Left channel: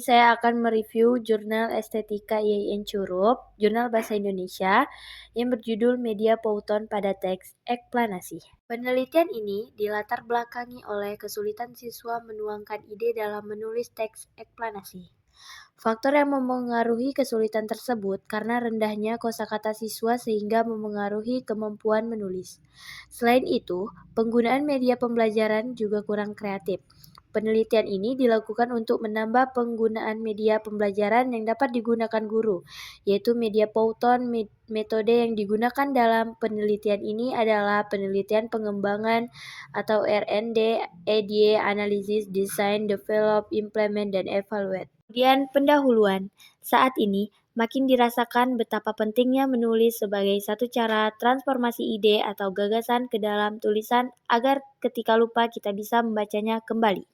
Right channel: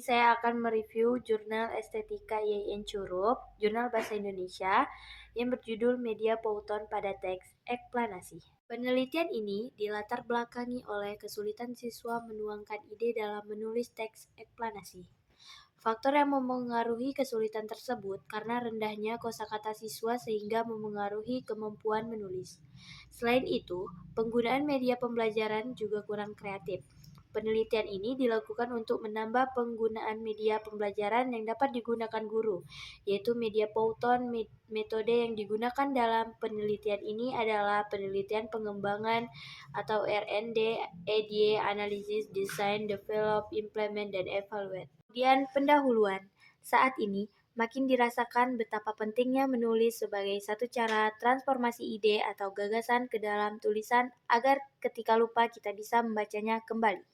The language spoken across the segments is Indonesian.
ini saya akan mereview jurnal Estetika IAIN Curup, jurnal Bahasa Indonesia, yang berjudul Media Pauton pada Teks Eksplanasi. Penelitian ini dilatar belakangi oleh kesulitan siswa menuangkan ide dalam menulis teks eksplanasi. Faktor yang memengaruhi kesulitan tersebut karena rendahnya kosakata siswa sehingga memengaruhi kemampuan menulis. Selain itu, penggunaan media pembelajaran juga kurang kreatif. Penelitian ini dilakukan untuk menambah penggunaan media pembelajaran yang dapat digunakan guru, yaitu media Pauton. Metode yang digunakan dalam penelitian ini adalah penelitian pengembangan atau R&D, EDA, Analysis, Design, Develop, Implement, dan Evaluate. Kemudian pendahuluan. Saat ini, makin dirasakan betapa pentingnya menulis sebagai satu cara transformasi ide atau gagasan ke dalam tulisan agar ketika lupa kita bisa membacanya kembali.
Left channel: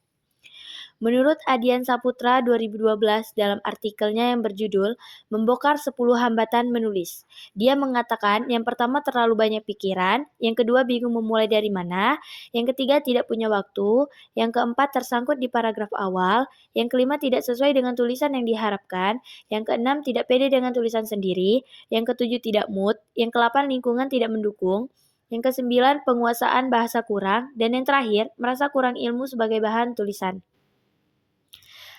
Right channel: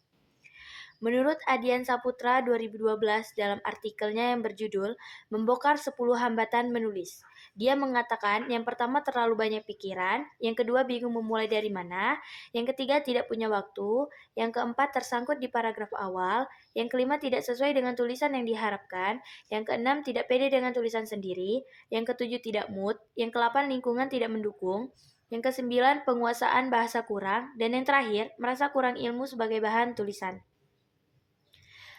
Menurut Adian Saputra 2012 dalam artikelnya yang berjudul Membongkar 10 Hambatan Menulis. Dia mengatakan yang pertama terlalu banyak pikiran, yang kedua bingung memulai dari mana, yang ketiga tidak punya waktu, yang keempat tersangkut di paragraf awal, yang kelima tidak sesuai dengan tulisan yang diharapkan, yang keenam tidak pede dengan tulisan sendiri, yang ketujuh tidak mood, yang kedelapan lingkungan tidak mendukung, yang kesembilan penguasaan bahasa kurang, dan yang terakhir merasa kurang ilmu sebagai bahan tulisan.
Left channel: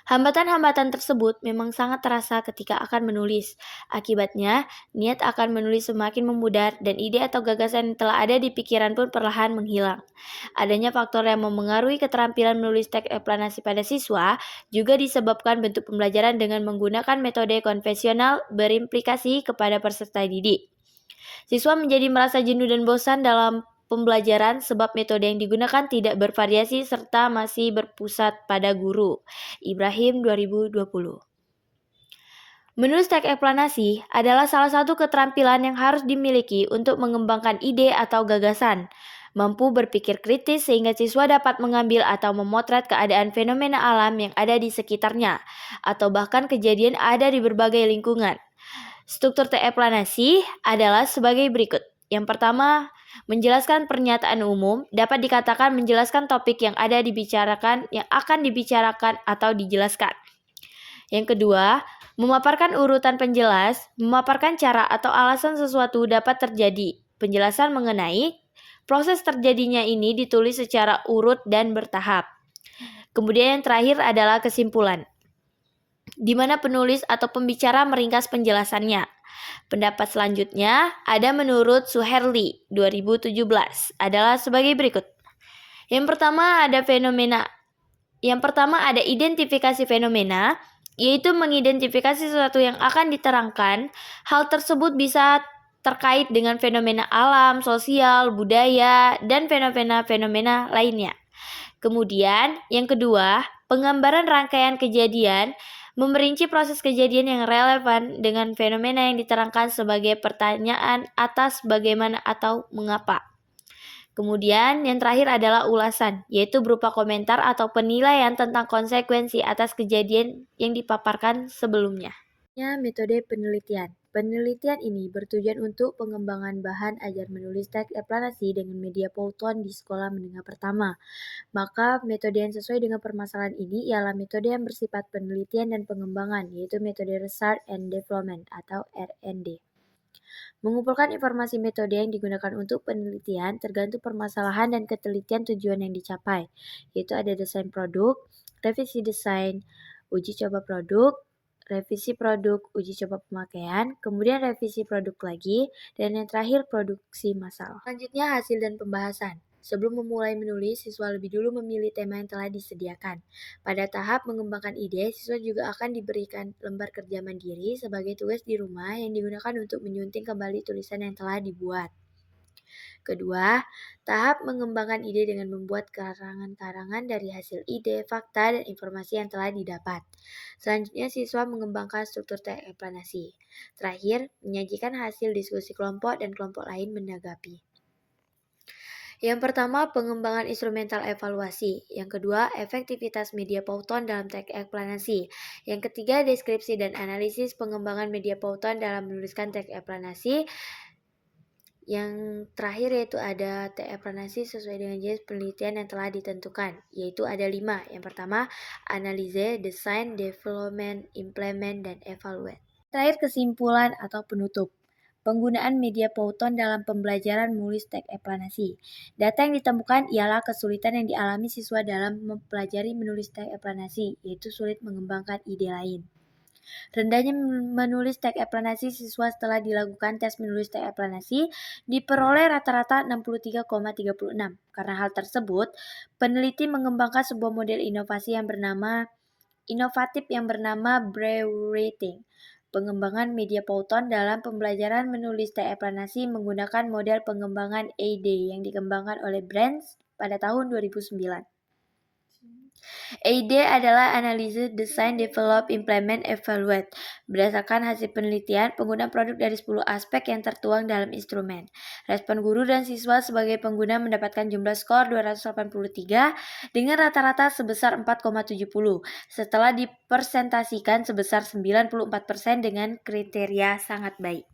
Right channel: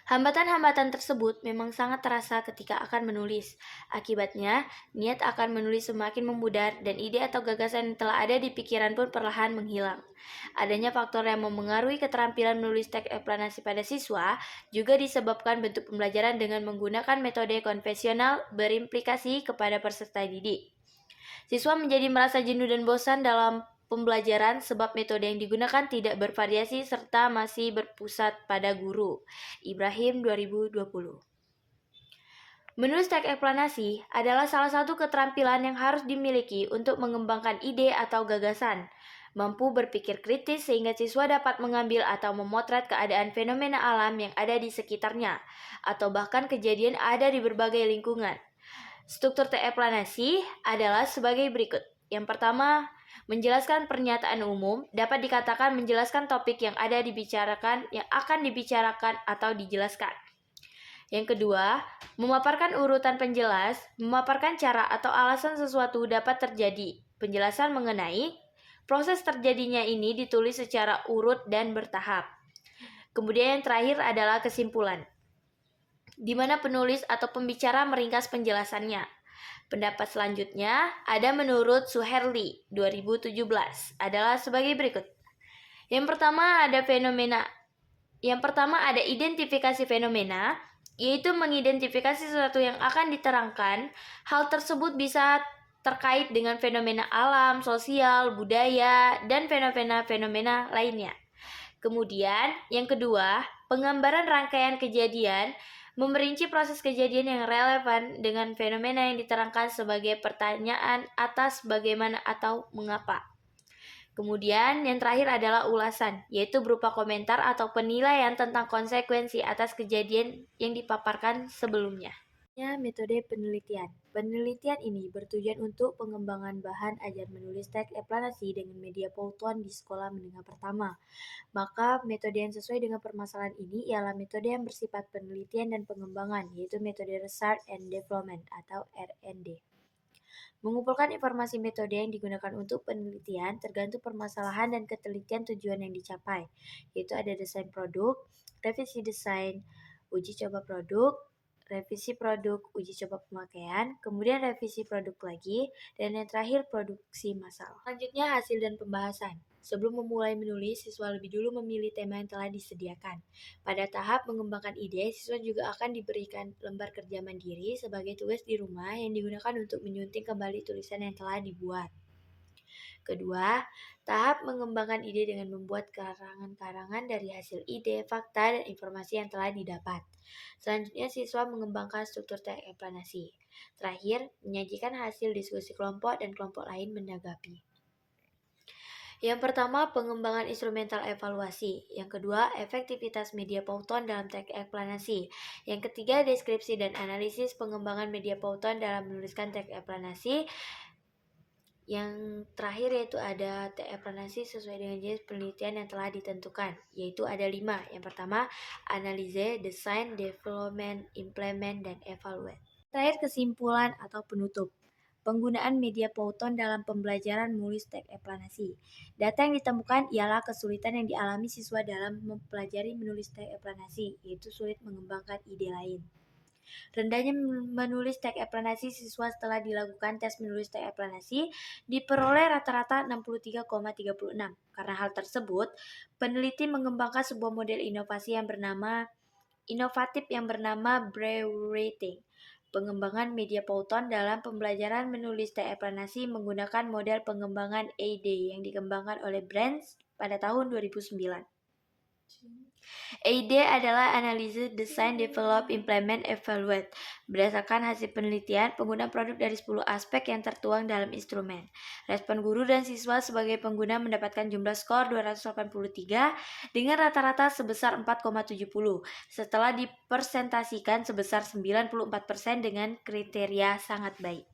Hambatan-hambatan tersebut memang sangat terasa ketika akan menulis. Akibatnya, niat akan menulis semakin memudar dan ide atau gagasan yang telah ada di pikiran pun perlahan menghilang. Adanya faktor yang memengaruhi keterampilan menulis teks eksplanasi pada siswa juga disebabkan bentuk pembelajaran dengan menggunakan metode konvensional berimplikasi kepada peserta didik. Siswa menjadi merasa jenuh dan bosan dalam pembelajaran sebab metode yang digunakan tidak bervariasi serta masih berpusat pada guru. Ibrahim 2020. Menulis teks eksplanasi adalah salah satu keterampilan yang harus dimiliki untuk mengembangkan ide atau gagasan. Mampu berpikir kritis sehingga siswa dapat mengambil atau memotret keadaan fenomena alam yang ada di sekitarnya, atau bahkan kejadian ada di berbagai lingkungan. Struktur teks eksplanasi adalah sebagai berikut. Yang pertama, menjelaskan pernyataan umum dapat dikatakan menjelaskan topik yang ada dibicarakan, yang akan dibicarakan atau dijelaskan. Yang kedua, memaparkan urutan penjelas, memaparkan cara atau alasan sesuatu dapat terjadi. Penjelasan mengenai proses terjadinya ini ditulis secara urut dan bertahap. Kemudian yang terakhir adalah kesimpulan, di mana penulis atau pembicara meringkas penjelasannya. Pendapat selanjutnya ada menurut Suherli 2017 adalah sebagai berikut. Yang pertama ada identifikasi fenomena, yaitu mengidentifikasi sesuatu yang akan diterangkan. Hal tersebut bisa terkait dengan fenomena alam, sosial, budaya, dan fenomena-fenomena lainnya. Kemudian, yang kedua, penggambaran rangkaian kejadian memerinci proses kejadian yang relevan dengan fenomena yang diterangkan sebagai pertanyaan atas bagaimana atau mengapa. Kemudian yang terakhir adalah ulasan, yaitu berupa komentar atau penilaian tentang konsekuensi atas kejadian yang dipaparkan sebelumnya. Metode penelitian. Penelitian ini bertujuan untuk pengembangan bahan ajar menulis teks eksplanasi dengan media Pauton di sekolah menengah pertama. Maka metode yang sesuai dengan permasalahan ini ialah metode yang bersifat penelitian dan pengembangan, yaitu metode Research and Development atau R&D. Mengumpulkan informasi metode yang digunakan untuk penelitian tergantung permasalahan dan ketelitian tujuan yang dicapai, yaitu ada desain produk, revisi desain, uji coba produk, revisi produk, uji coba pemakaian, kemudian revisi produk lagi, dan yang terakhir produksi massal. Selanjutnya hasil dan pembahasan. Sebelum memulai menulis, siswa lebih dulu memilih tema yang telah disediakan. Pada tahap mengembangkan ide, siswa juga akan diberikan lembar kerja mandiri sebagai tugas di rumah yang digunakan untuk menyunting kembali tulisan yang telah dibuat. Kedua, tahap mengembangkan ide dengan membuat karangan-karangan dari hasil ide, fakta, dan informasi yang telah didapat. Selanjutnya, siswa mengembangkan struktur teks eksplanasi. Terakhir, menyajikan hasil diskusi kelompok dan kelompok lain menanggapi. Yang pertama, pengembangan instrumental evaluasi. Yang kedua, efektivitas media Pauton dalam teks eksplanasi. Yang ketiga, deskripsi dan analisis pengembangan media Pauton dalam menuliskan teks eksplanasi. Yang terakhir yaitu ada TE-Planasi sesuai dengan jenis penelitian yang telah ditentukan, yaitu ada 5. Yang pertama, analise, design, development, implement, dan evaluate. Terakhir, kesimpulan atau penutup. Penggunaan media Python dalam pembelajaran menulis teks eksplanasi. Data yang ditemukan ialah kesulitan yang dialami siswa dalam mempelajari menulis teks eksplanasi, yaitu sulit mengembangkan ide lain. Rendahnya menulis teks eksplanasi siswa setelah dilakukan tes menulis teks eksplanasi diperoleh rata-rata 63,36. Karena hal tersebut, peneliti mengembangkan sebuah model inovatif yang bernama Braille Writing. Pengembangan media Python dalam pembelajaran menulis teks eksplanasi menggunakan model pengembangan AD yang dikembangkan oleh Branch pada tahun 2009. AD adalah Analyze, Design, Develop, Implement, Evaluate. Berdasarkan hasil penelitian, pengguna produk dari 10 aspek yang tertuang dalam instrumen. Respon guru dan siswa sebagai pengguna mendapatkan jumlah skor 283 dengan rata-rata sebesar 4,70 setelah dipersentasikan sebesar 94% dengan kriteria sangat baik.